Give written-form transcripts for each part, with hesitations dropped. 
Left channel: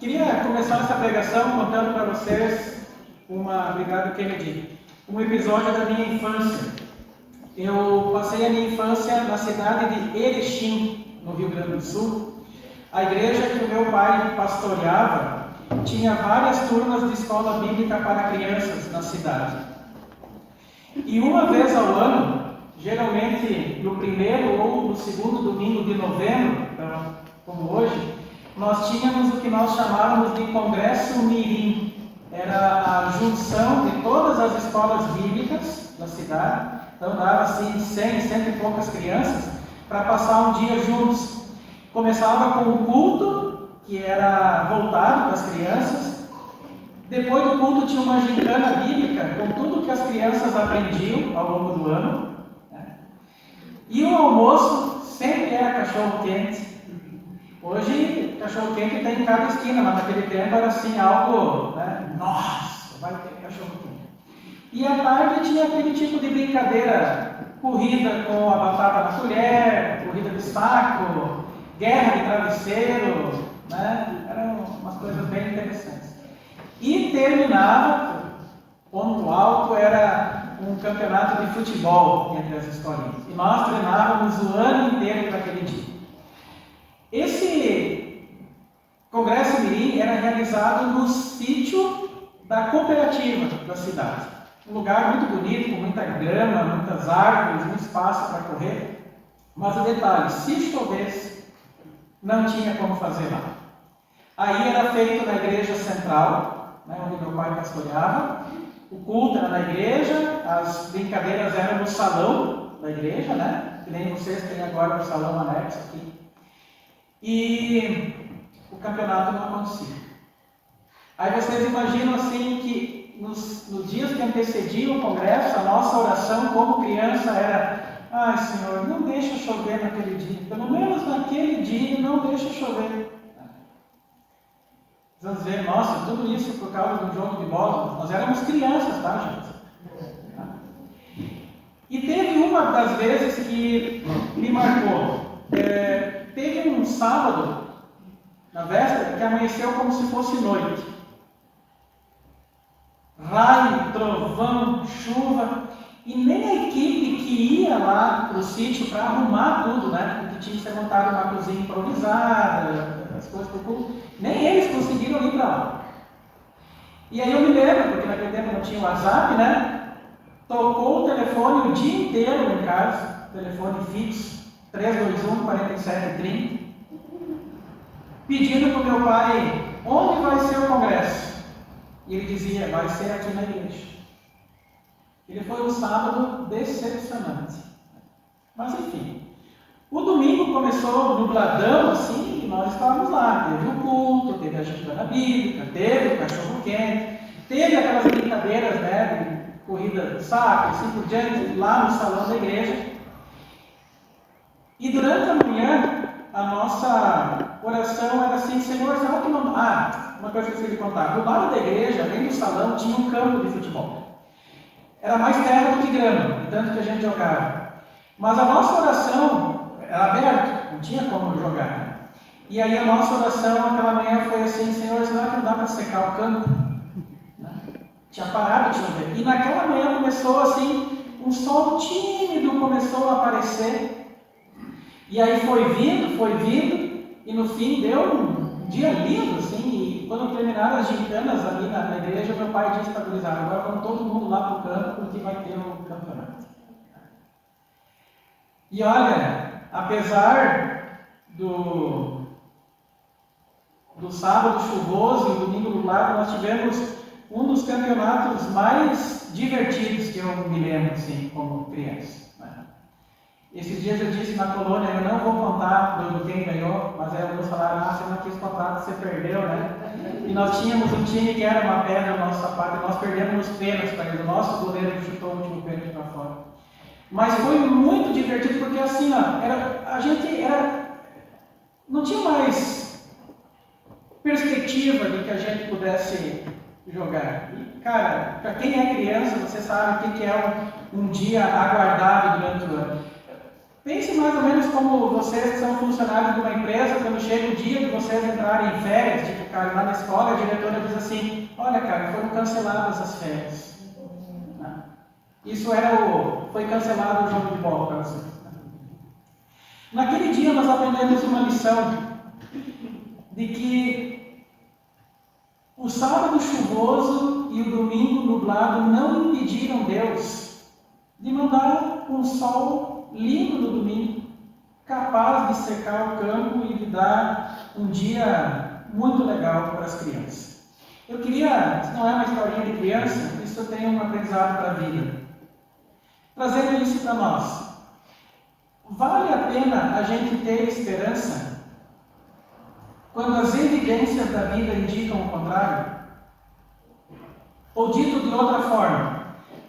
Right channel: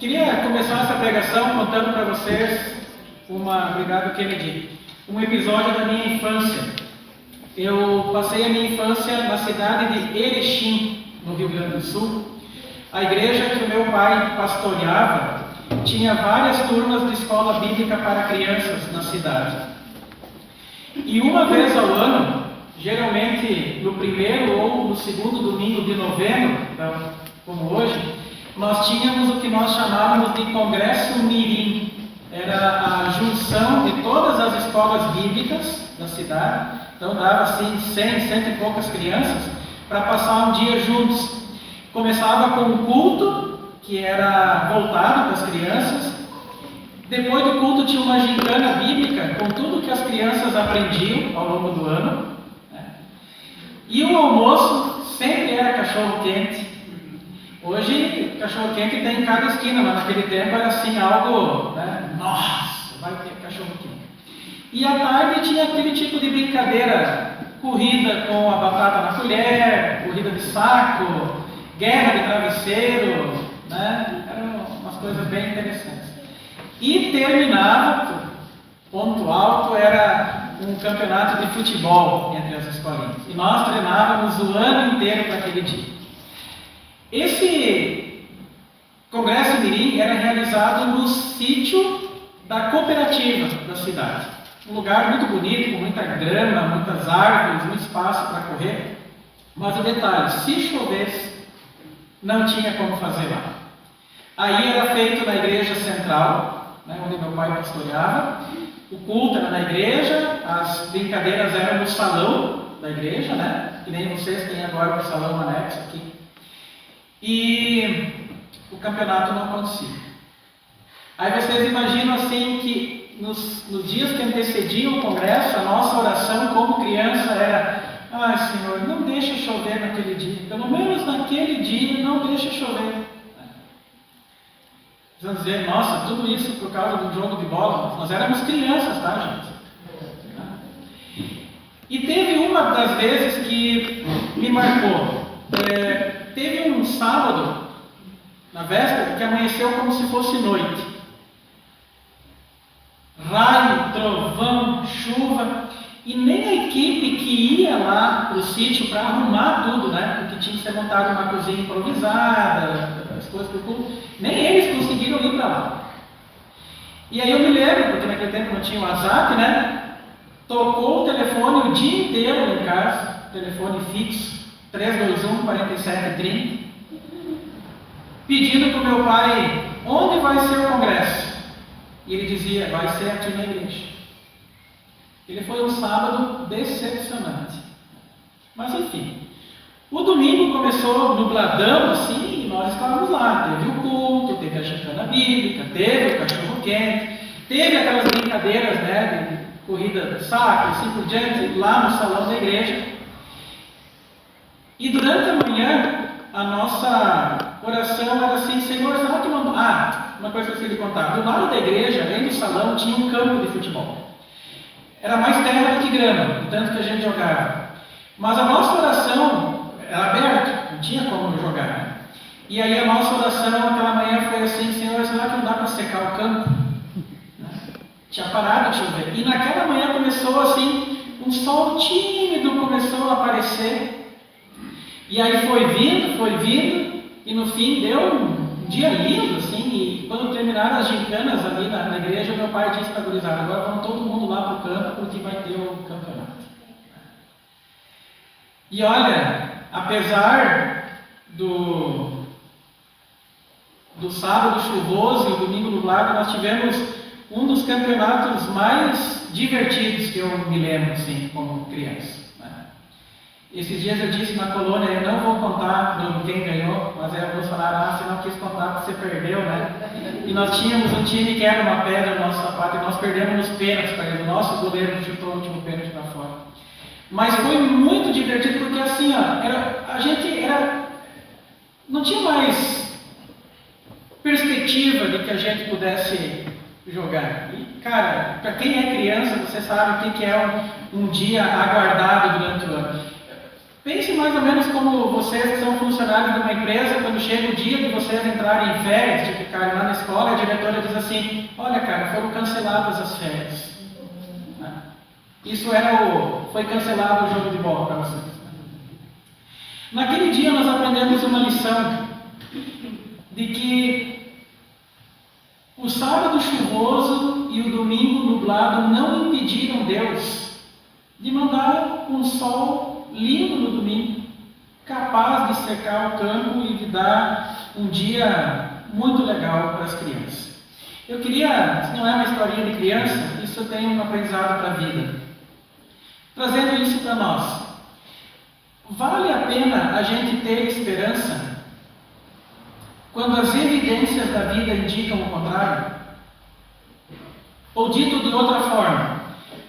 Queria começar essa pregação contando para vocês obrigado Kennedy, um episódio da minha infância. Eu passei a minha infância na cidade de Erechim, no Rio Grande do Sul. A igreja que o meu pai pastoreava tinha várias turmas de escola bíblica para crianças na cidade. E uma vez ao ano, geralmente no primeiro ou no segundo domingo de novembro, então, como hoje, nós tínhamos o que nós chamávamos de Congresso Mirim. Era a junção de todas as escolas bíblicas da cidade, então dava assim 100 e poucas crianças, para passar um dia juntos. Começava com o culto, que era voltado para as crianças. Depois do culto tinha uma gincana bíblica, com tudo que as crianças aprendiam ao longo do ano. E o almoço sempre era cachorro-quente. Hoje, cachorro-quente tem em cada esquina, mas naquele tempo era assim algo, nossa, vai ter cachorro-quente. E à tarde tinha aquele tipo de brincadeira, corrida com a batata na colher, corrida de saco, guerra de travesseiro, eram umas coisas bem interessantes. E terminava, ponto alto, era um campeonato de futebol entre as escolinhas. E nós treinávamos o ano inteiro para aquele dia. Esse Congresso Mirim era realizado no sítio da cooperativa da cidade. Um lugar muito bonito, com muita grama, muitas árvores, muito espaço para correr. Mas o detalhe, se chovesse, não tinha como fazer lá. Aí era feito na igreja central, onde meu pai pastoreava. O culto era na igreja, as brincadeiras eram no salão da igreja, que nem vocês têm agora o salão anexo aqui. E o campeonato não acontecia. Aí vocês imaginam assim que nos dias que antecediam o congresso, a nossa oração como criança era: ai Senhor, não deixa chover naquele dia, pelo menos naquele dia não deixa chover. Vocês vão dizer: nossa, tudo isso por causa do jogo de bola. Nós éramos crianças, tá, gente? E teve uma das vezes que me marcou. Teve um sábado, na véspera, que amanheceu como se fosse noite. Raio, trovão, chuva, e nem a equipe que ia lá para o sítio para arrumar tudo, porque tinha que ser montada uma cozinha improvisada, as coisas para o culto, nem eles conseguiram ir para lá. E aí eu me lembro, porque naquele tempo não tinha WhatsApp, tocou o telefone o dia inteiro lá em casa, telefone fixo, 321-4730, pedindo para o meu pai onde vai ser o congresso. E ele dizia: vai ser aqui na igreja. Ele foi um sábado decepcionante. Mas enfim, o domingo começou nubladão assim, e nós estávamos lá. Teve o culto, teve a gincana bíblica, teve o cachorro-quente, teve aquelas brincadeiras de corrida de saco, assim por diante, lá no salão da igreja. E durante a manhã, a nossa oração era assim: Senhor, será que não... uma coisa que eu esqueci de contar. Do lado da igreja, além do salão, tinha um campo de futebol. Era mais terra do que grama, tanto que a gente jogava. Mas a nossa oração era aberta, não tinha como jogar. E aí a nossa oração naquela manhã foi assim: Senhor, será que não dá para secar o campo? Tinha parado de chover. E naquela manhã começou assim, um sol tímido começou a aparecer. E aí foi vindo, e no fim deu um dia lindo, assim, e quando terminaram as gincanas ali na igreja, meu pai disse para a gurizada: agora vamos todo mundo lá para o campo, porque vai ter o campeonato. E olha, apesar do sábado chuvoso e domingo nublado, nós tivemos um dos campeonatos mais divertidos que eu me lembro, assim, como criança. Esses dias eu disse na colônia: eu não vou contar quem ganhou, mas aí alguns falaram: você não quis contar porque você perdeu, E nós tínhamos um time que era uma pedra no nosso sapato, e nós perdemos os pênaltis para ele. O nosso goleiro chutou o último pênalti para fora. Mas foi muito divertido, porque assim, não tinha mais perspectiva de que a gente pudesse jogar. E, cara, para quem é criança, você sabe o que é um dia aguardado durante o ano. Pense mais ou menos como vocês que são funcionários de uma empresa, quando chega o dia de vocês entrarem em férias, tipo, cara, lá na escola, a diretora diz assim: olha, cara, foram canceladas as férias. Isso foi cancelado o jogo de bola para vocês. Naquele dia nós aprendemos uma lição de que o sábado chuvoso e o domingo nublado não impediram Deus de mandar um sol lindo no domingo, capaz de secar o campo e de dar um dia muito legal para as crianças. Eu queria, se não é uma historinha de criança, isso tem um aprendizado para a vida. Trazendo isso para nós. Vale a pena a gente ter esperança quando as evidências da vida indicam o contrário? Ou dito de outra forma,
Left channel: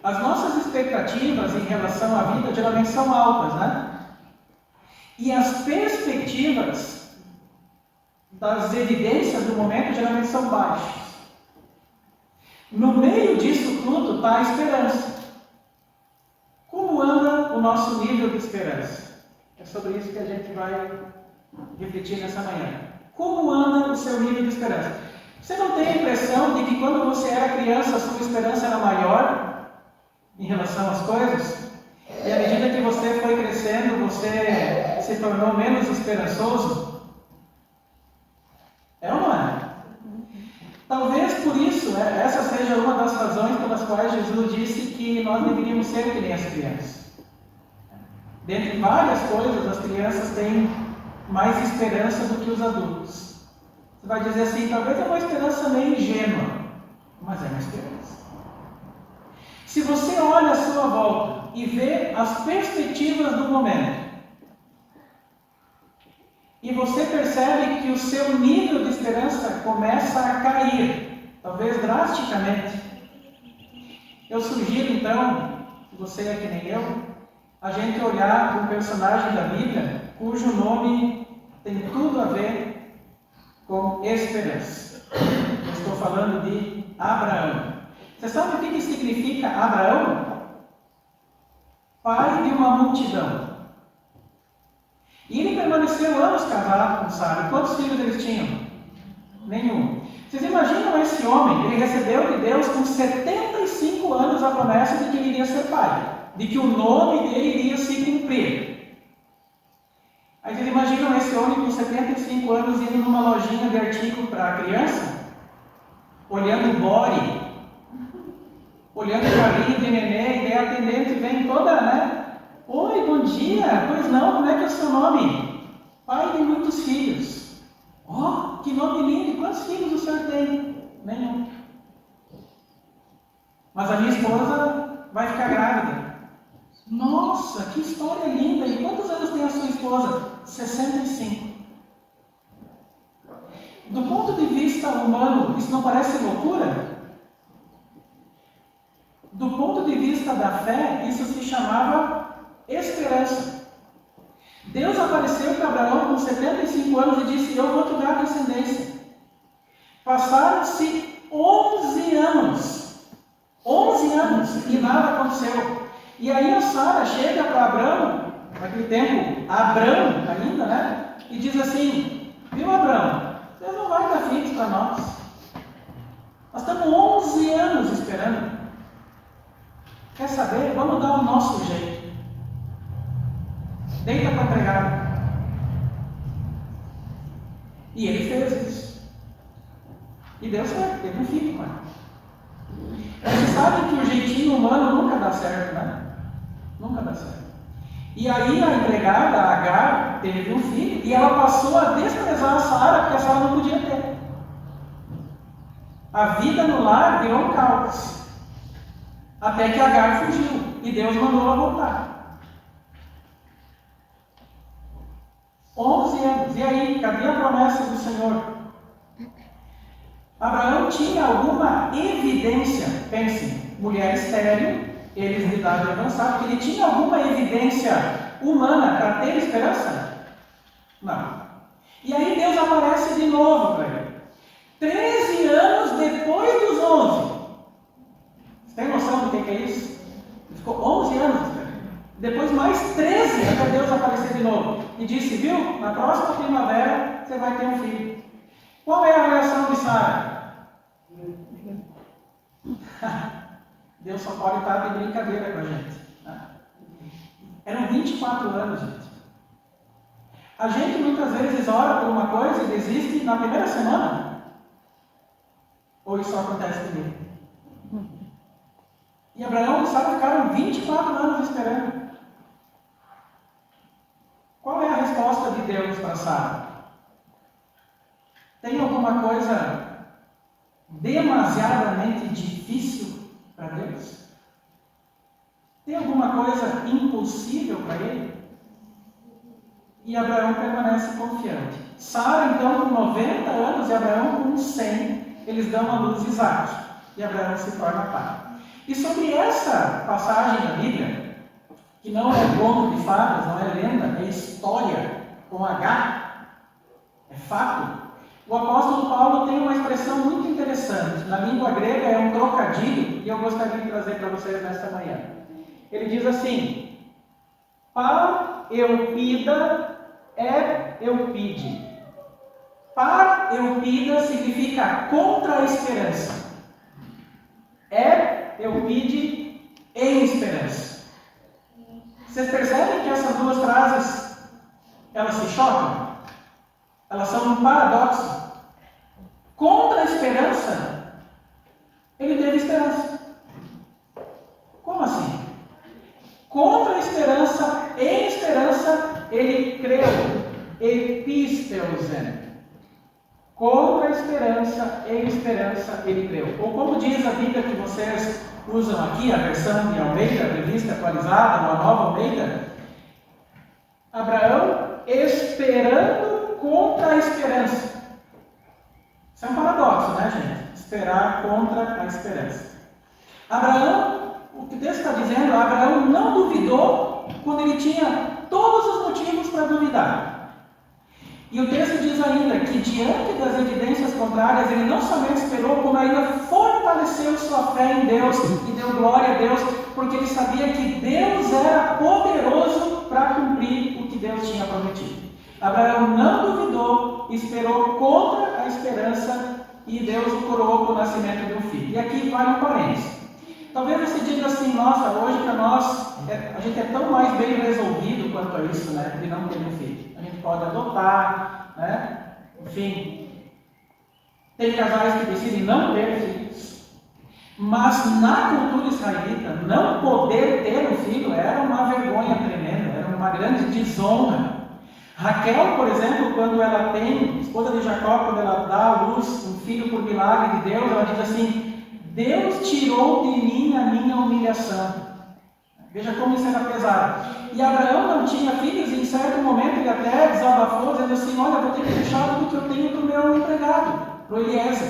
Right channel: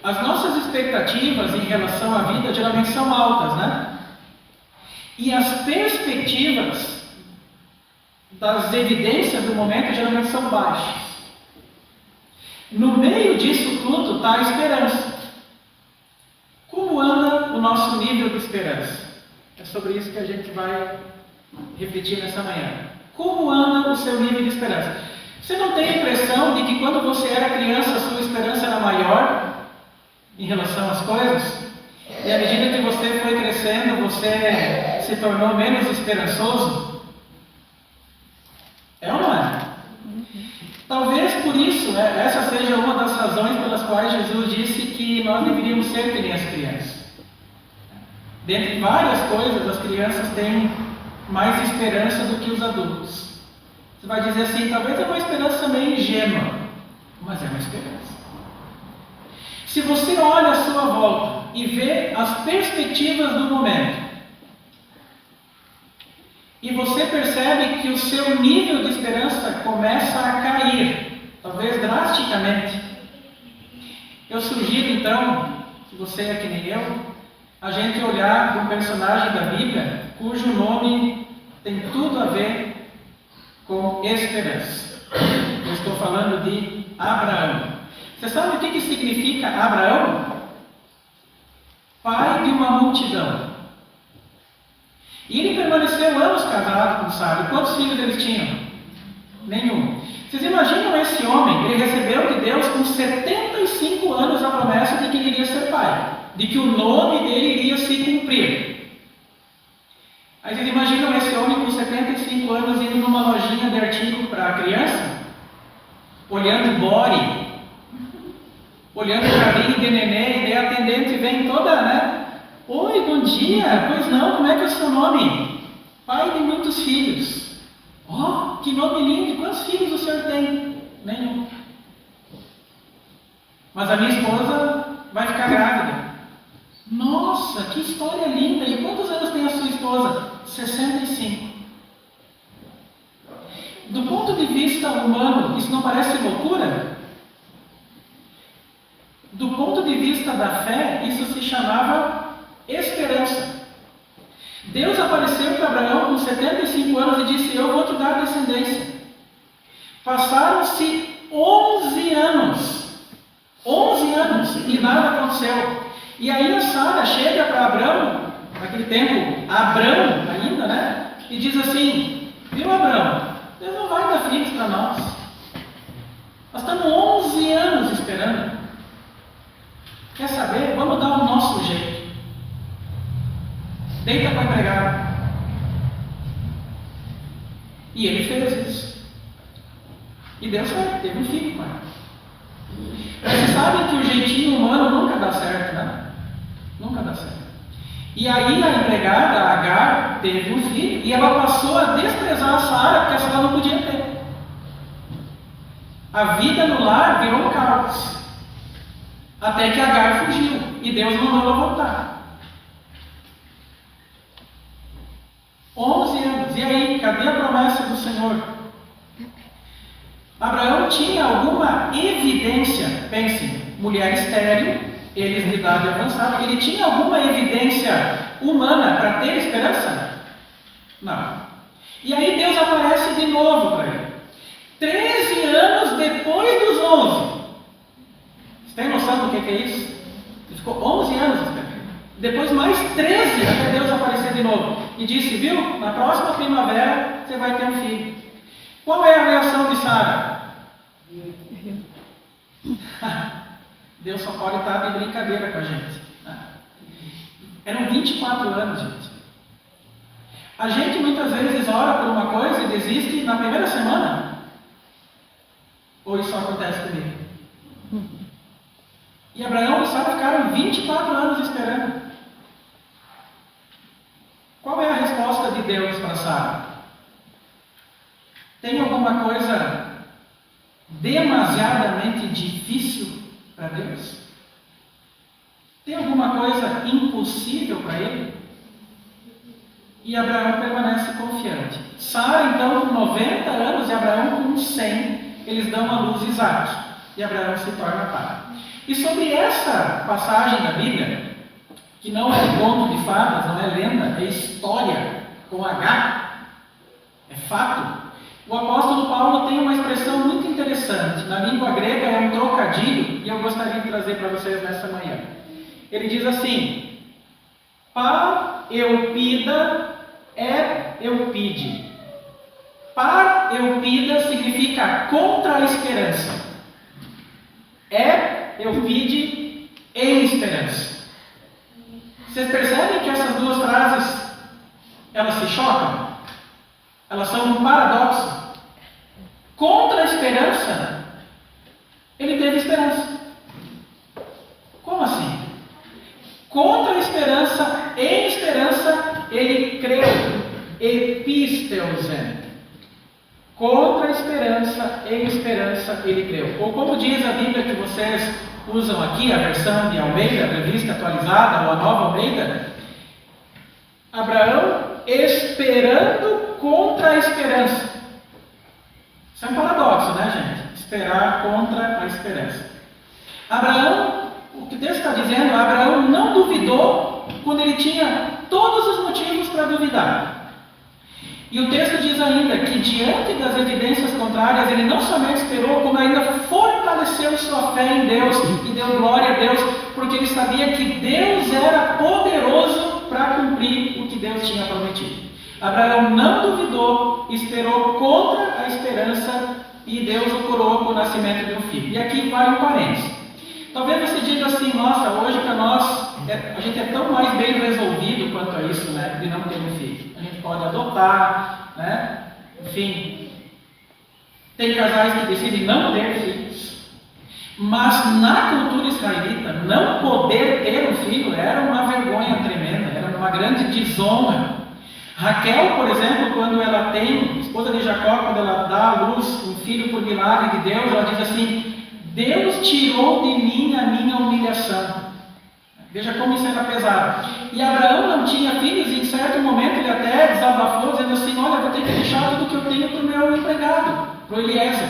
as nossas expectativas em relação à vida geralmente são altas, né? E as perspectivas das evidências do momento geralmente são baixas. No meio disso tudo está a esperança. Como anda o nosso nível de esperança? É sobre isso que a gente vai refletir nessa manhã. Como anda o seu nível de esperança? Você não tem a impressão de que quando você era criança a sua esperança era maior em relação às coisas? E à medida que você foi crescendo, você se tornou menos esperançoso? É ou não é? Talvez por isso, essa seja uma das razões pelas quais Jesus disse que nós deveríamos ser que nem as crianças. Dentre várias coisas, as crianças têm mais esperança do que os adultos. Você vai dizer assim, talvez é uma esperança meio ingênua, mas é uma esperança. Se você olha à sua volta e vê as perspectivas do momento, e você percebe que o seu nível de esperança começa a cair, talvez drasticamente, eu sugiro então, se você é que nem eu, a gente olhar para um personagem da Bíblia cujo nome tem tudo a ver com esperança. Eu estou falando de Abraão. Você sabe o que significa Abraão? Pai de uma multidão. E ele permaneceu anos casado com Sara. Quantos filhos eles tinham? Nenhum. Vocês imaginam esse homem? Ele recebeu de Deus com 75 anos a promessa de que ele iria ser pai, de que o nome dele iria se cumprir. Aí vocês imaginam esse homem com 75 anos indo numa lojinha de artigo para criança, olhando body, olhando o carrinho de neném, e daí a atendente vem toda, né? Oi, bom dia, pois não, como é que é o seu nome? Pai de muitos filhos. Oh, que nome lindo, quantos filhos o senhor tem? Nenhum. Mas a minha esposa vai ficar grávida. Nossa, que história linda! E quantos anos tem a sua esposa? 65. Do ponto de vista humano, isso não parece loucura? Do ponto de vista da fé, isso se chamava esperança. Deus apareceu para Abraão com 75 anos e disse: eu vou te dar descendência. Passaram-se 11 anos. 11 anos e nada aconteceu. E aí a Sara chega para Abraão, naquele tempo, Abrão ainda, né? E diz assim: viu, Abraão, Deus não vai dar filhos para nós. Nós estamos 11 anos esperando. Quer saber? Vamos dar o nosso jeito. Deita para empregado. E ele fez isso. E deu certo, teve um filho, pai. Mas vocês sabem que o jeitinho humano nunca dá certo, né? Nunca dá certo. E aí a empregada, a Agar, teve um filho e ela passou a desprezar a Sara, porque a Sara não podia ter. A vida no lar virou um caos. Até que Agar fugiu e Deus mandou ela voltar. 11 anos. E aí, cadê a promessa do Senhor? Abraão tinha alguma evidência, pensem, mulher estéril, eles de idade avançada, ele tinha alguma evidência humana para ter esperança? Não. E aí Deus aparece de novo para ele. 13 anos depois dos 11. Você tem noção do que é isso? Ele ficou 11 anos esperando. Depois mais 13 até Deus aparecer de novo. E disse, viu, na próxima primavera você vai ter um filho. Qual é a reação de Sara? Deus só pode estar de brincadeira com a gente. Eram 24 anos, gente. A gente muitas vezes ora por uma coisa e desiste na primeira semana. Ou isso só acontece comigo? E Abraão e Sara ficaram 24 anos esperando. Qual é a resposta de Deus para Sara? Tem alguma coisa demasiadamente difícil para Deus? Tem alguma coisa impossível para Ele? E Abraão permanece confiante. Sara, então, com 90 anos e Abraão com 100, eles dão à luz Isaque. E Abraão se torna pai. E sobre essa passagem da Bíblia, que não é conto de fadas, não é lenda, é história com H, é fato, o apóstolo Paulo tem uma expressão muito interessante. Na língua grega é um trocadilho, e eu gostaria de trazer para vocês nessa manhã. Ele diz assim: par eupida é eupide. Par eupida significa contra a esperança. É eupide em esperança. Vocês percebem que essas duas frases, elas se chocam? Elas são um paradoxo. Contra a esperança, ele teve esperança. Como assim? Contra a esperança, em esperança, ele creu. Episteusen. Contra a esperança, em esperança, ele creu. Ou como diz a Bíblia que vocês usam aqui, a versão de Almeida, a revista atualizada, ou a nova Almeida, Abraão esperando contra a esperança. Isso é um paradoxo, né, gente? Esperar contra a esperança. Abraão, o que Deus está dizendo, Abraão não duvidou quando ele tinha todos os motivos para duvidar. E o texto diz ainda que diante das evidências contrárias, ele não somente esperou, como ainda fortaleceu sua fé em Deus e deu glória a Deus, porque ele sabia que Deus era poderoso para cumprir o que Deus tinha prometido. Abraão não duvidou, esperou contra a esperança e Deus o coroou com o nascimento de um filho. E aqui vai um parênteses. Talvez você diga assim, nossa, hoje para nós, a gente é tão mais bem resolvido quanto a isso, né, de não ter um filho. A gente pode adotar, né, enfim. Tem casais que decidem não ter filhos. Mas na cultura israelita, não poder ter um filho era uma vergonha tremenda, era uma grande desonra. Raquel, por exemplo, quando ela tem, esposa de Jacó, quando ela dá à luz um filho por milagre de Deus, ela diz assim: Deus tirou de mim a minha humilhação. Veja como isso era pesado. E Abraão não tinha filhos e em certo momento ele até desabafou, dizendo assim: olha, vou ter que deixar tudo que eu tenho para o meu empregado, para o Eliezer.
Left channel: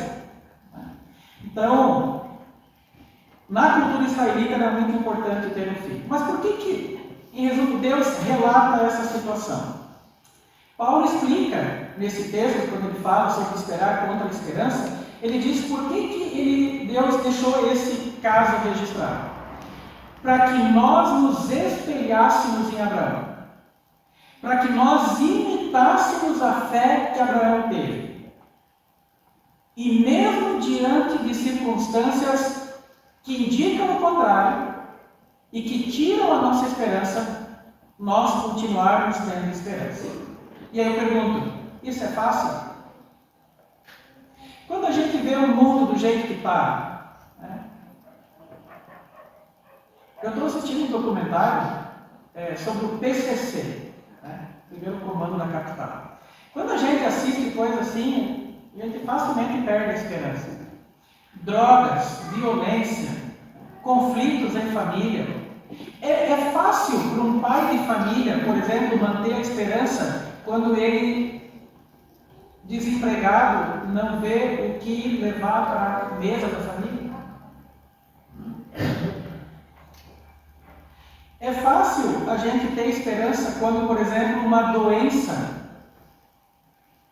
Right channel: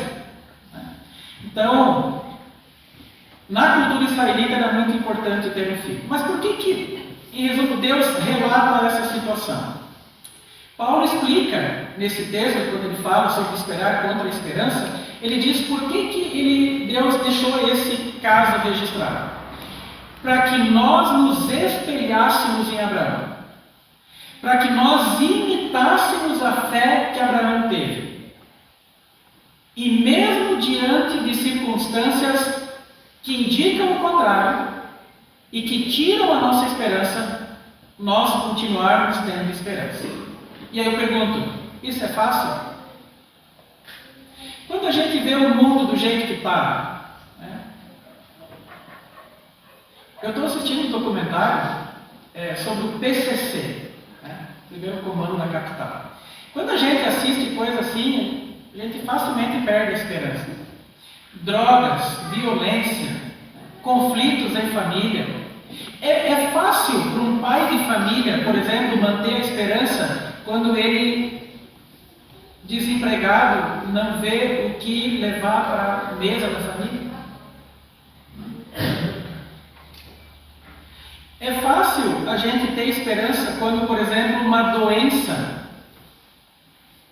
Então, na cultura israelita era muito importante ter um filho. Mas por que, em resumo, Deus relata essa situação? Paulo explica nesse texto, quando ele fala sobre esperar contra a esperança, ele diz por que Deus deixou esse caso registrado. Para que nós nos espelhássemos em Abraão. Para que nós imitássemos a fé que Abraão teve. E mesmo diante de circunstâncias que indicam o contrário e que tiram a nossa esperança, nós continuarmos tendo esperança. E aí eu pergunto, isso é fácil? Quando a gente vê o mundo do jeito que está, né? Eu estou assistindo um documentário sobre o PCC, né? Primeiro Comando da Capital. Quando a gente assiste coisa assim, a gente facilmente perde a esperança. Drogas, violência, conflitos em família. É fácil para um pai de família, por exemplo, manter a esperança quando ele, desempregado, não vê o que levar para a mesa da família. É fácil a gente ter esperança quando, por exemplo, uma doença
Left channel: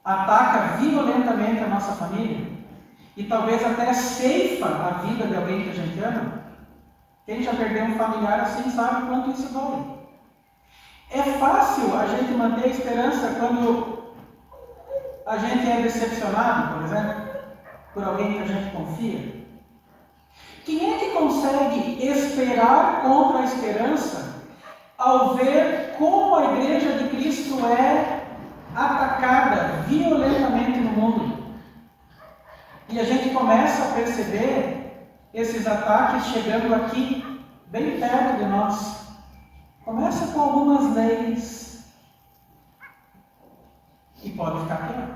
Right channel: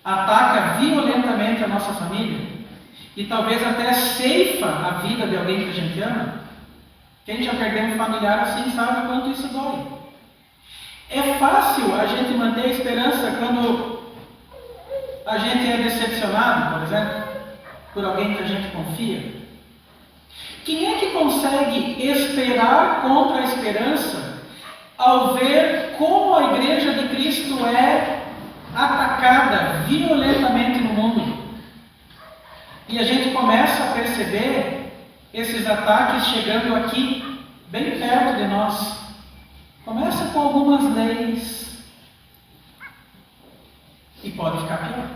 ataca violentamente a nossa família e talvez até ceifa a vida de alguém que a gente ama. Quem já perdeu um familiar assim sabe quanto isso dói. É fácil a gente manter a esperança quando a gente é decepcionado, por exemplo, por alguém que a gente confia. Quem é que consegue esperar contra a esperança ao ver como a Igreja de Cristo é atacada violentamente no mundo? E a gente começa a perceber esses ataques chegando aqui, bem perto de nós. Começa com algumas leis e pode ficar pior.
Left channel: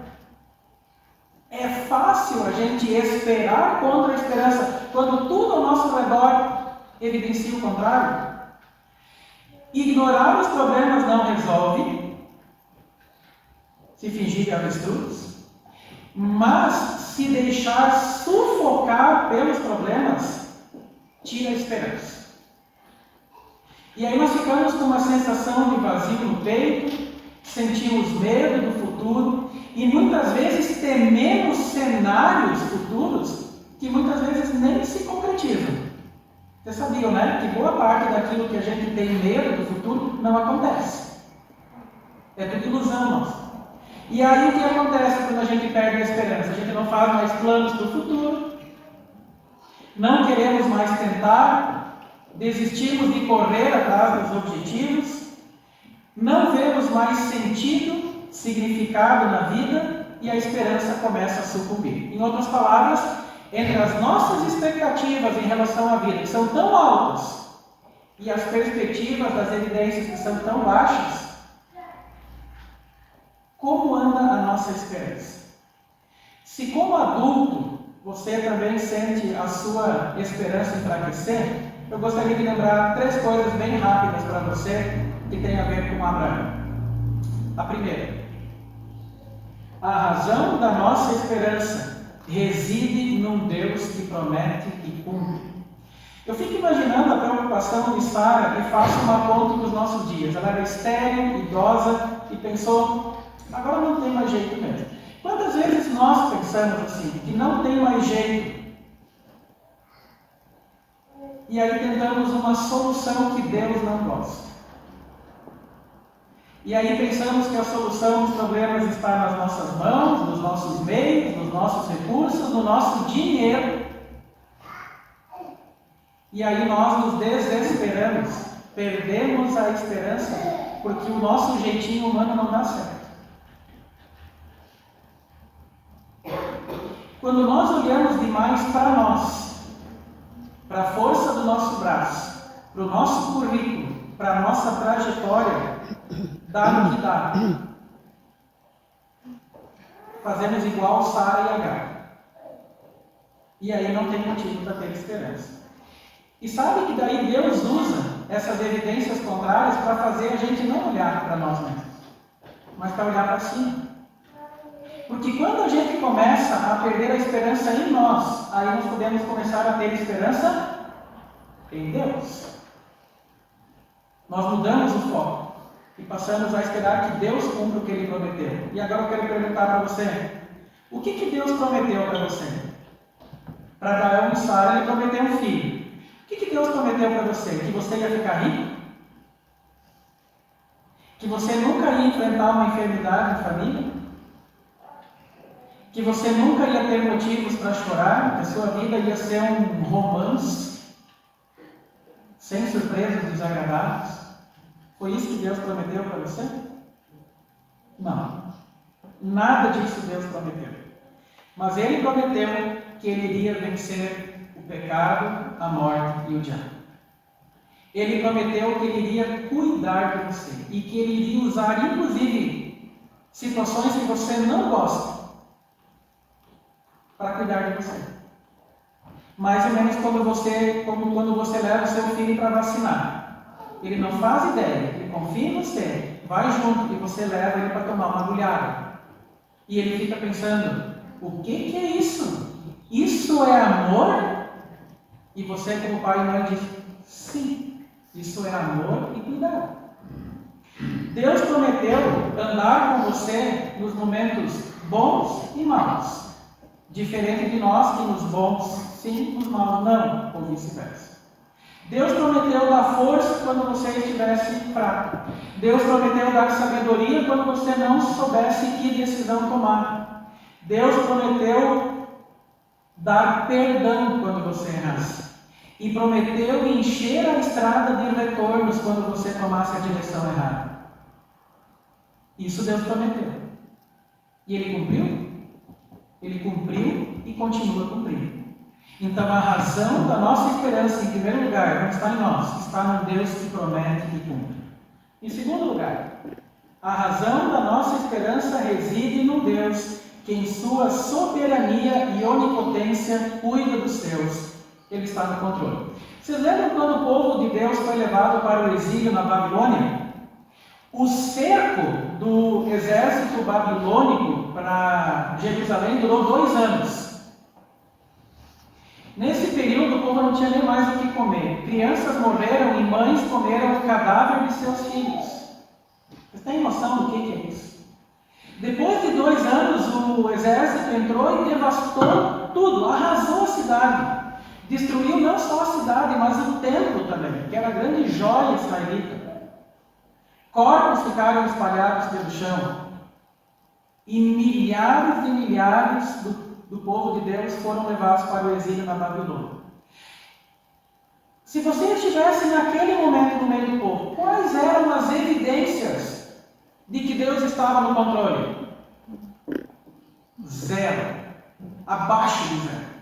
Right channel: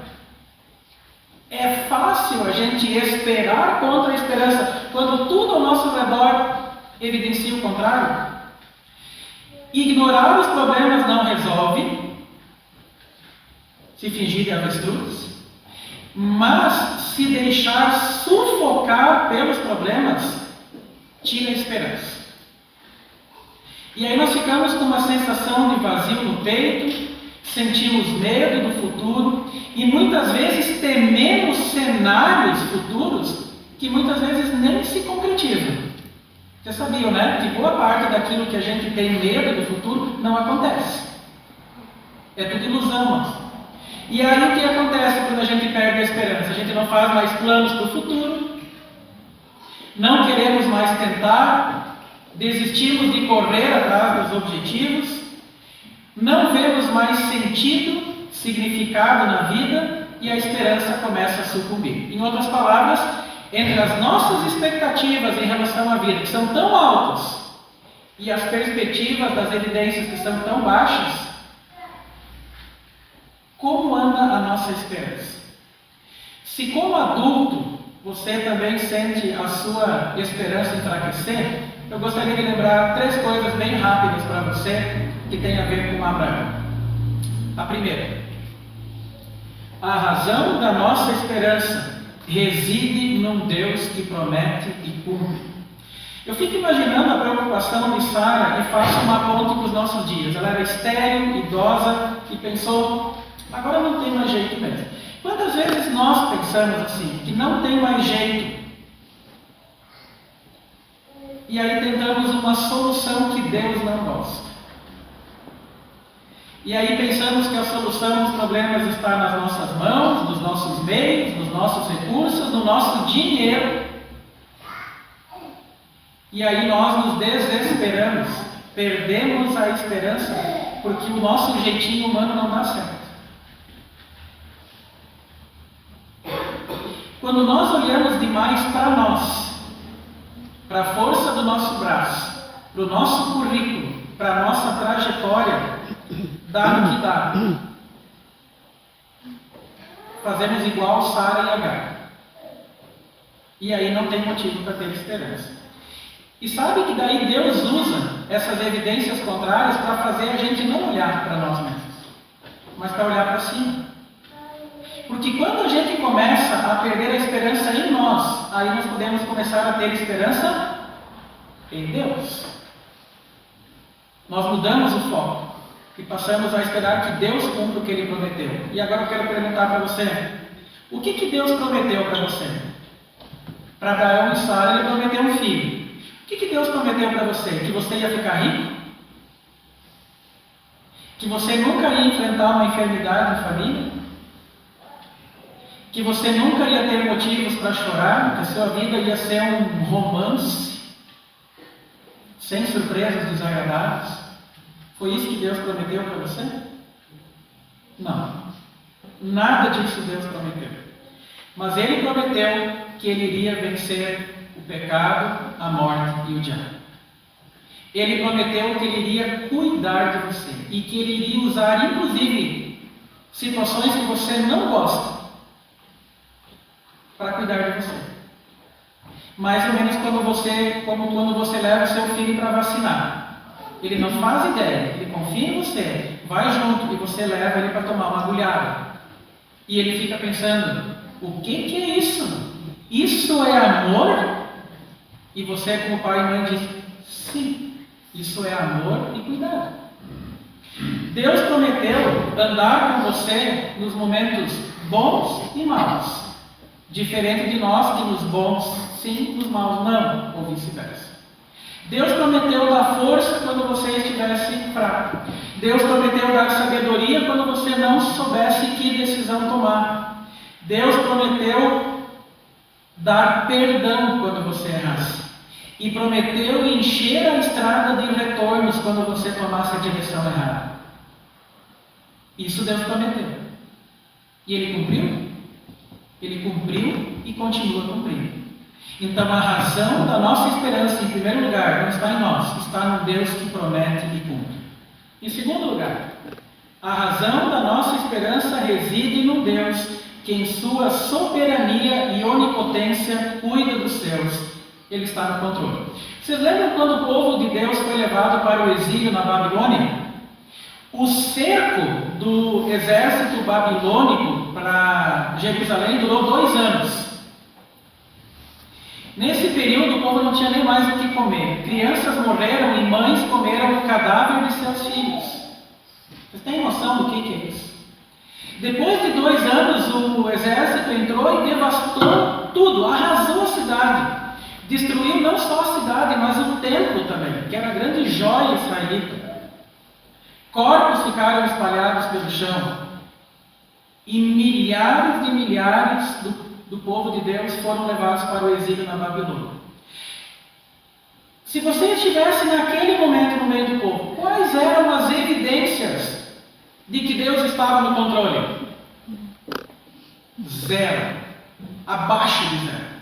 É fácil a gente esperar contra a esperança quando tudo ao nosso redor evidencia o contrário. Ignorar os problemas não resolve, se fingir de avestruz, mas se deixar sufocar pelos problemas, tira a esperança. E aí nós ficamos com uma sensação de vazio no peito, sentimos medo do futuro e muitas vezes tememos cenários futuros que muitas vezes nem se concretizam. Vocês sabiam, né? Que boa parte daquilo que a gente tem medo do futuro não acontece. É tudo ilusão, mas. E aí o que acontece quando a gente perde a esperança? A gente não faz mais planos para o futuro, não queremos mais tentar, desistimos de correr atrás dos objetivos, não vemos mais sentido, significado na vida e a esperança começa a sucumbir. Em outras palavras, entre as nossas expectativas em relação à vida, que são tão altas, e as perspectivas das evidências que são tão baixas, como anda a nossa esperança? Se como adulto você também sente a sua esperança enfraquecer, eu gostaria de lembrar 3 coisas bem rápidas para você que tem a ver com Abraão. A primeira, a razão da nossa esperança reside num Deus que promete e cumpre. Eu fico imaginando a preocupação de Sara e faço uma ponte para os nossos dias. Ela era estéril, idosa e pensou, agora não tem mais jeito mesmo. Quantas vezes nós pensamos assim, que não tem mais jeito? E aí tentamos uma solução que Deus não gosta. E aí pensamos que a solução dos problemas está nas nossas mãos, nos nossos meios, nos nossos recursos, no nosso dinheiro. E aí nós nos desesperamos, perdemos a esperança, porque o nosso jeitinho humano não dá certo. Quando nós olhamos demais para nós, para a força do nosso braço, para o nosso currículo, para a nossa trajetória, dá no que dá. Fazemos igual Sara e Agar. E aí não tem motivo para ter esperança. E sabe que daí Deus usa essas evidências contrárias para fazer a gente não olhar para nós mesmos, mas para olhar para cima. Porque quando a gente começa a perder a esperança em nós, aí nós podemos começar a ter esperança em Deus. Nós mudamos o foco e passamos a esperar que Deus cumpra o que Ele prometeu. E agora eu quero perguntar para você, o que Deus prometeu para você? Para Abraão e Sara Ele prometeu um filho. O que Deus prometeu para você? Que você ia ficar rico? Que você nunca ia enfrentar uma enfermidade na família? Que você nunca ia ter motivos para chorar? Que a sua vida ia ser um romance? Sem surpresas desagradáveis? Foi isso que Deus prometeu para você? Não. Nada disso Deus prometeu. Mas Ele prometeu que Ele iria vencer o pecado, a morte e o diabo. Ele prometeu que Ele iria cuidar de você e que Ele iria usar, inclusive, situações que você não gosta para cuidar de você. Mais ou menos como quando você leva o seu filho para vacinar. Ele não faz ideia, ele confia em você, vai junto e você leva ele para tomar uma agulhada. E ele fica pensando, o que é isso? Isso é amor? E você, como pai e mãe, diz, sim, isso é amor e cuidado. Deus prometeu andar com você nos momentos bons e maus. Diferente de nós que nos bons sim, nos maus não, ou vice-versa. Deus prometeu dar força quando você estivesse fraco. Deus prometeu dar sabedoria quando você não soubesse que decisão tomar. Deus prometeu dar perdão quando você errasse. E prometeu encher a estrada de retornos quando você tomasse a direção errada. Isso Deus prometeu. E Ele cumpriu? Ele cumpriu e continua cumprindo. Então a razão da nossa esperança, em primeiro lugar, não está em nós, está no Deus que promete e cumpre. Em segundo lugar, a razão da nossa esperança reside no Deus que em sua soberania e onipotência cuida dos seus. Ele está no controle. Vocês lembram quando o povo de Deus foi levado para o exílio na Babilônia? O cerco do exército babilônico para Jerusalém durou 2 anos. Nesse período, o povo não tinha nem mais o que comer. Crianças morreram e mães comeram o cadáver de seus filhos. Vocês têm noção do que é isso? Depois de 2 anos, o exército entrou e devastou tudo, arrasou a cidade. Destruiu não só a cidade, mas o templo também, que era a grande joia israelita. Corpos ficaram espalhados pelo chão. E milhares de milhares do povo de Deus foram levados para o exílio na Babilônia. Se você estivesse naquele momento no meio do povo, quais eram as evidências de que Deus estava no controle? 0. Abaixo de 0.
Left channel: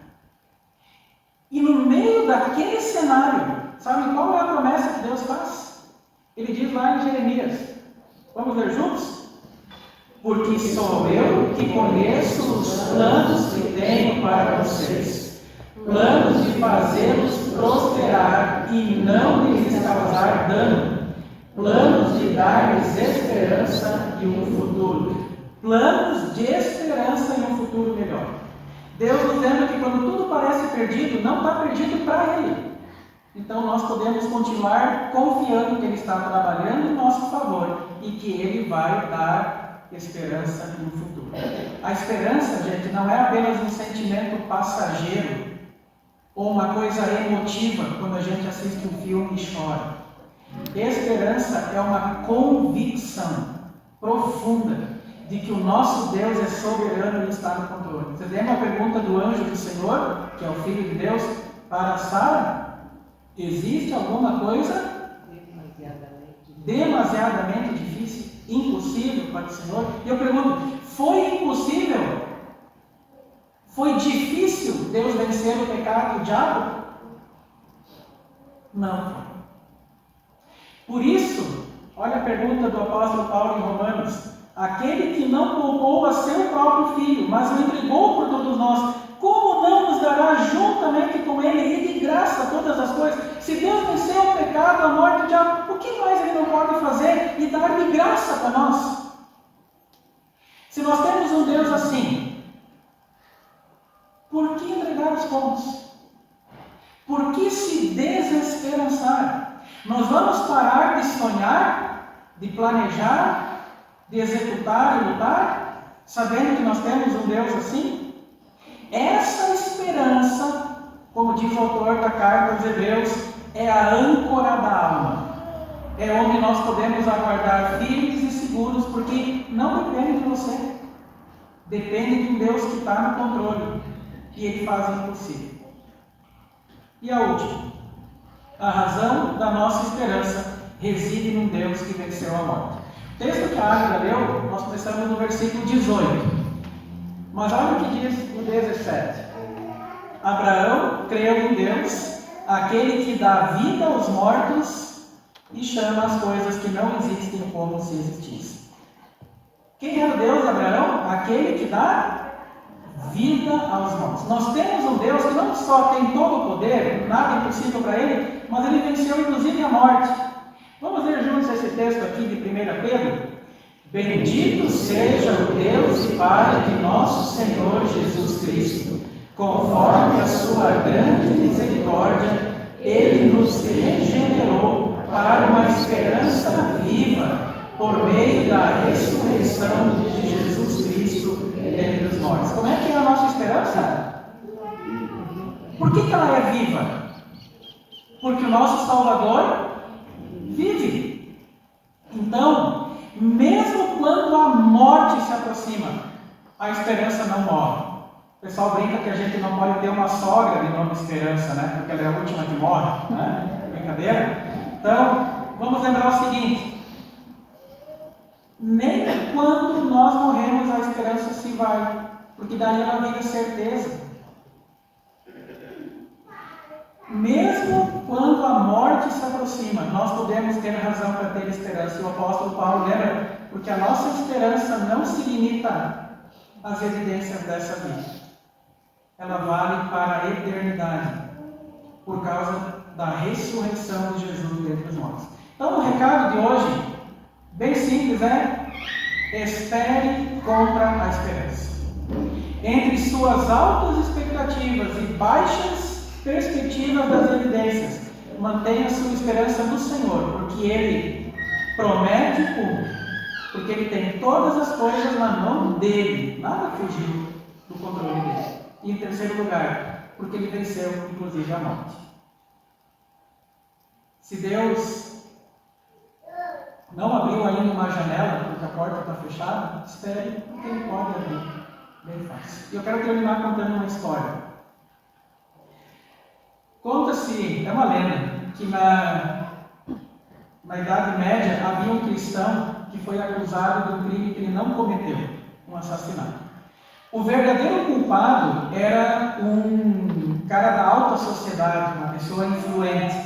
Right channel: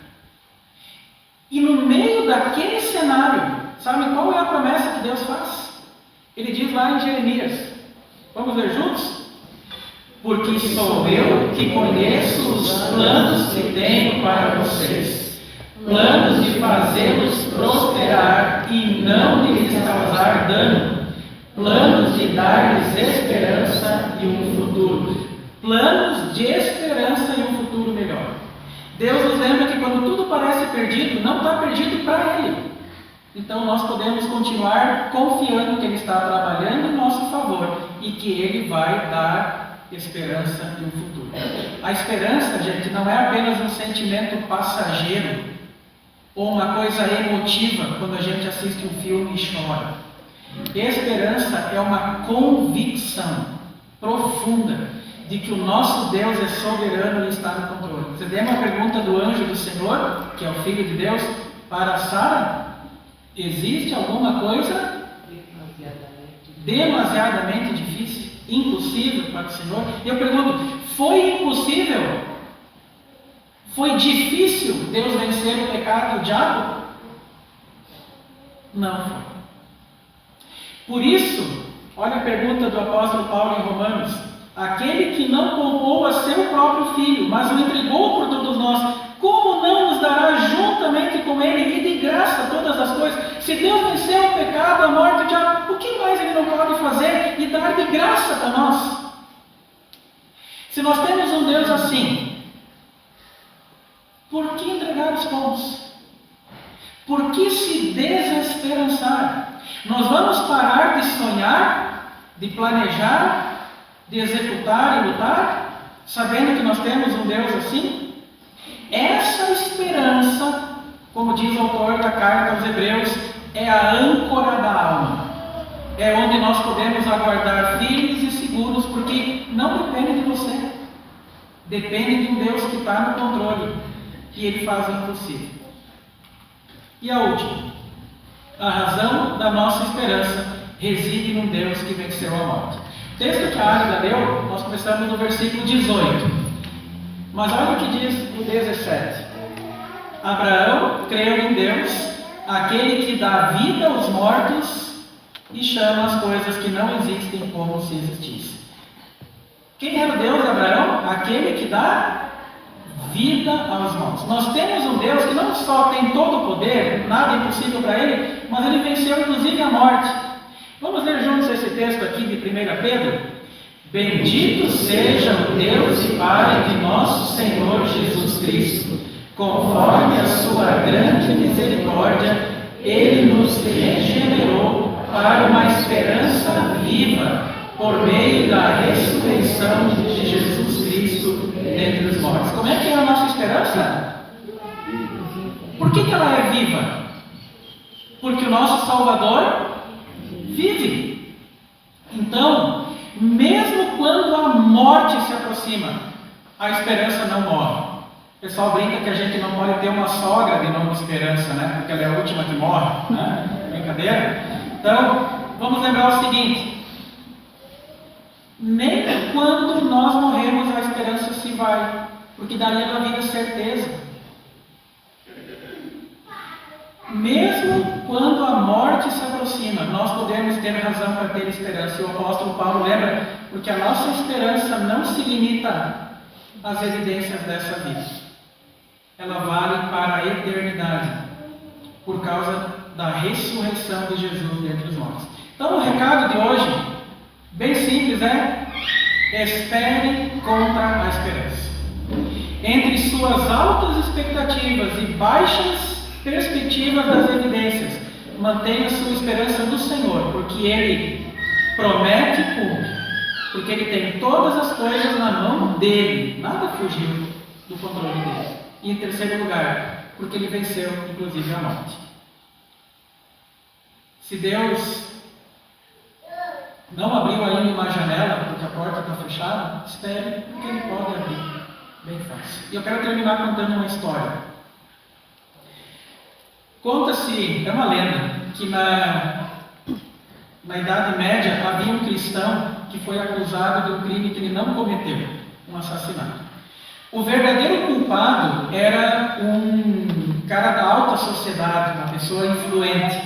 E no meio daquele cenário, sabem qual é a promessa que Deus faz? Ele diz lá em Jeremias. Vamos ler juntos? Porque sou eu que conheço os planos que tenho para vocês, planos de fazê-los prosperar e não de lhes causar dano, planos de dar-lhes esperança e um futuro, planos de esperança e um futuro melhor. Deus nos lembra que quando tudo parece perdido, não está perdido para Ele. Então nós podemos continuar confiando que Ele está trabalhando em nosso favor e que Ele vai dar esperança e um futuro. A esperança, gente, não é apenas um sentimento passageiro ou uma coisa emotiva quando a gente assiste um filme e chora. Esperança é uma convicção profunda de que o nosso Deus é soberano e está no controle. Você lembra a pergunta do anjo do Senhor, que é o Filho de Deus, para Sara? Existe alguma coisa demasiadamente difícil, impossível para o Senhor? E eu pergunto, foi impossível? Foi difícil Deus vencer o pecado e o diabo? Não foi. Por isso, olha a pergunta do apóstolo Paulo em Romanos: aquele que não poupou a seu próprio filho, mas o entregou por todos nós, como não nos dará juntamente com ele e de graça todas as coisas? Se Deus venceu o pecado, a morte, o diabo, o que mais Ele não pode fazer e dar de graça para nós? Se nós temos um Deus assim, por que entregar os pontos? Por que se desesperançar? Nós vamos parar de sonhar, de planejar, de executar e lutar, sabendo que nós temos um Deus assim? Essa esperança, como diz o autor da carta aos Hebreus, é a âncora da alma. É onde nós podemos aguardar firmes e seguros, porque não depende de você. Depende de um Deus que está no controle, que Ele faz o impossível. E a última, a razão da nossa esperança reside num Deus que venceu a morte. O texto que a Águida leu, nós começamos no versículo 18. Mas olha o que diz o 17. Abraão creu em Deus, aquele que dá vida aos mortos e chama as coisas que não existem como se existissem. Quem era o Deus de Abraão? Aquele que dá vida aos mortos. Nós temos um Deus que não só tem todo o poder, nada é impossível para Ele, mas Ele venceu inclusive a morte. Vamos ler juntos esse texto aqui de 1 Pedro? Bendito seja o Deus e Pai de nosso Senhor Jesus Cristo. Conforme a sua grande misericórdia, Ele nos regenerou para uma esperança viva, por meio da ressurreição de Jesus Cristo dentre os mortos. Como é que é a nossa esperança? Por que ela é viva? Porque o nosso Salvador vive. Então, mesmo quando a morte se aproxima, a esperança não morre. O pessoal brinca que a gente não pode ter uma sogra de nome Esperança, né? Porque ela é a última que morre, né? Brincadeira? Então, vamos lembrar o seguinte: nem quando nós morremos a esperança se vai, porque daí ela vira certeza. Mesmo quando a morte se aproxima, nós podemos ter razão para ter esperança. E o apóstolo Paulo lembra, porque a nossa esperança não se limita às evidências dessa vida. Ela vale para a eternidade, por causa da ressurreição de Jesus dentre os mortos. Então, o recado de hoje, bem simples, é: espere contra a esperança. Entre suas altas expectativas e baixas perspectivas das evidências, mantenha sua esperança no Senhor, porque Ele promete e cumpre, porque Ele tem todas as coisas na mão dEle, nada fugiu do controle dEle. E em terceiro lugar, porque Ele venceu, inclusive, a morte. Se Deus não abriu ainda uma janela, porque a porta está fechada, espere, porque Ele pode abrir. Bem fácil. E eu quero terminar contando uma história. Conta-se, é uma lenda, que na Idade Média havia um cristão que foi acusado de um crime que ele não cometeu, um assassinato. O verdadeiro culpado era um cara da alta sociedade, uma pessoa influente.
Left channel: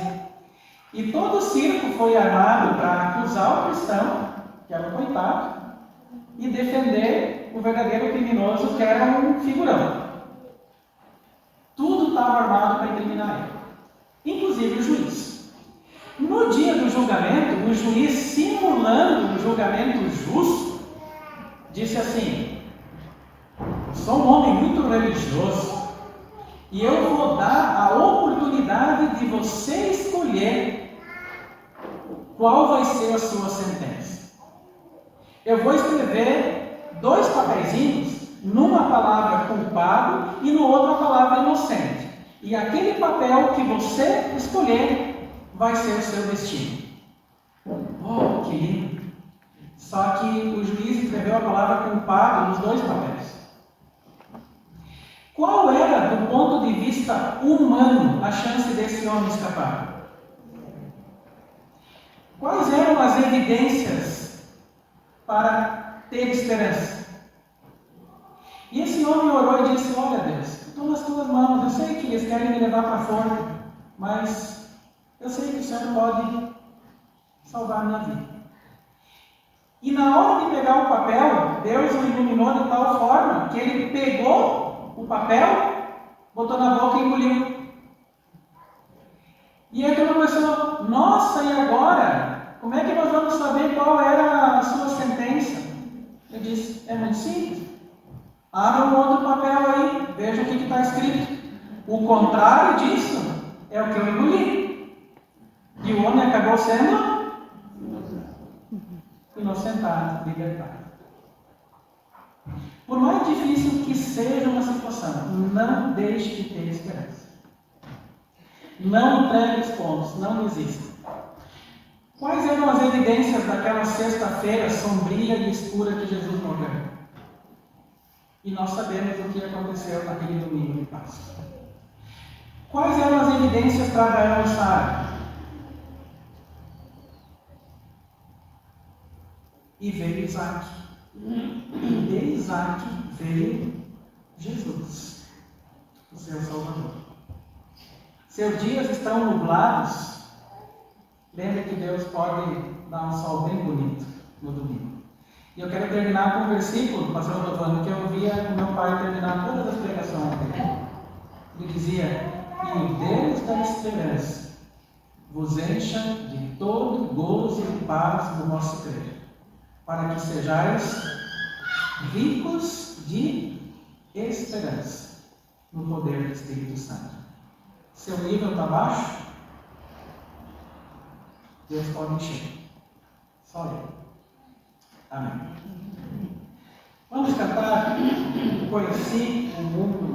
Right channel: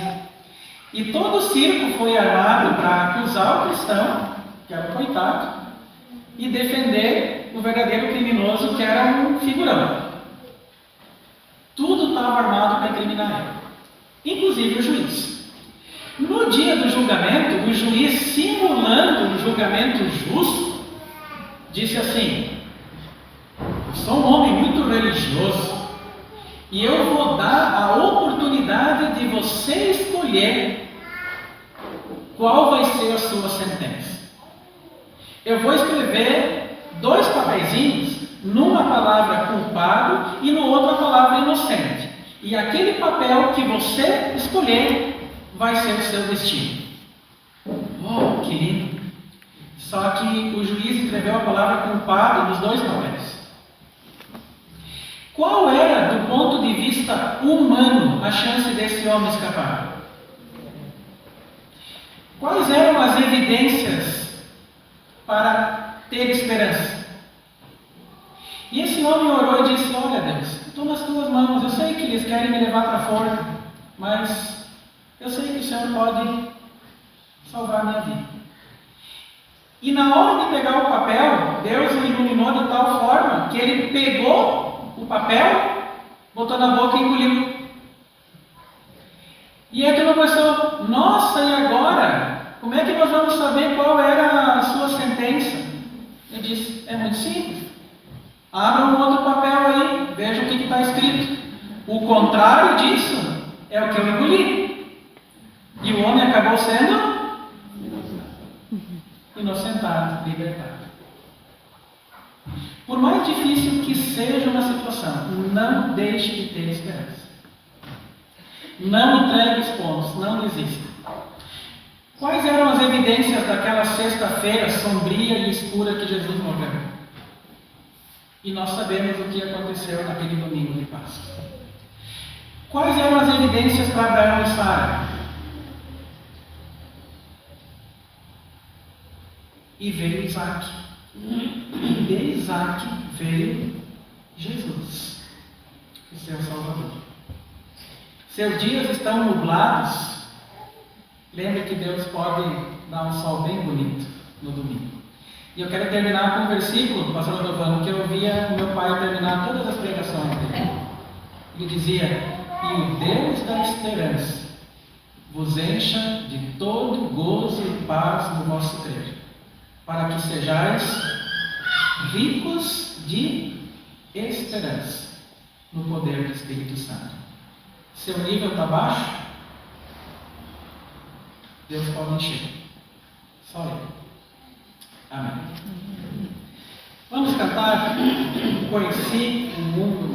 E todo o circo foi armado para acusar o cristão, que era um coitado, e defender o verdadeiro criminoso, que era um figurão. Tudo estava armado para incriminar ele, inclusive o juiz. No dia do julgamento, o juiz, simulando um julgamento justo, disse assim: eu sou um homem muito religioso e eu vou dar a oportunidade de você escolher qual vai ser a sua sentença. Eu vou escrever 2 papeizinhos, numa palavra culpado e no outro a palavra inocente. E aquele papel que você escolher vai ser o seu destino. Oh, que lindo! Só que o juiz escreveu a palavra culpado nos 2 papéis. Qual era, do ponto de vista humano, a chance desse homem escapar? Quais eram as evidências para ter esperança? E esse homem orou e disse: olha, Deus, eu estou nas tuas mãos, eu sei que eles querem me levar para a forca, mas eu sei que o Senhor pode salvar a minha vida. E na hora de pegar o papel, Deus o iluminou de tal forma que ele pegou o papel, botou na boca e engoliu. E aí aquilo começou: nossa, e agora? Como é que nós vamos saber qual era a sua sentença? Eu disse: é muito simples. Abra um outro papel aí, veja o que está escrito. O contrário disso é o que eu engoli. E o homem acabou sendo inocentado, libertado. Por mais difícil que seja uma situação, não deixe de ter esperança. Não entregue os pontos, não desista. Quais eram as evidências daquela sexta-feira sombria e escura que Jesus morreu? E nós sabemos o que aconteceu naquele domingo de Páscoa. Quais eram as evidências para Abraão e Sara? E veio Isaac. E de Isaac veio Jesus, o seu Salvador. Seus dias estão nublados. Lembre que Deus pode dar um sol bem bonito no domingo. E eu quero terminar com um versículo, pastor Giovanni, que eu ouvia meu pai terminar todas as pregações dele. Ele dizia: e o Deus da esperança vos encha de todo gozo e paz no vosso crer, para que sejais ricos de esperança no poder do Espírito Santo. Seu nível está baixo? Deus pode encher. Só Ele. Amém. Vamos cantar: conheci o mundo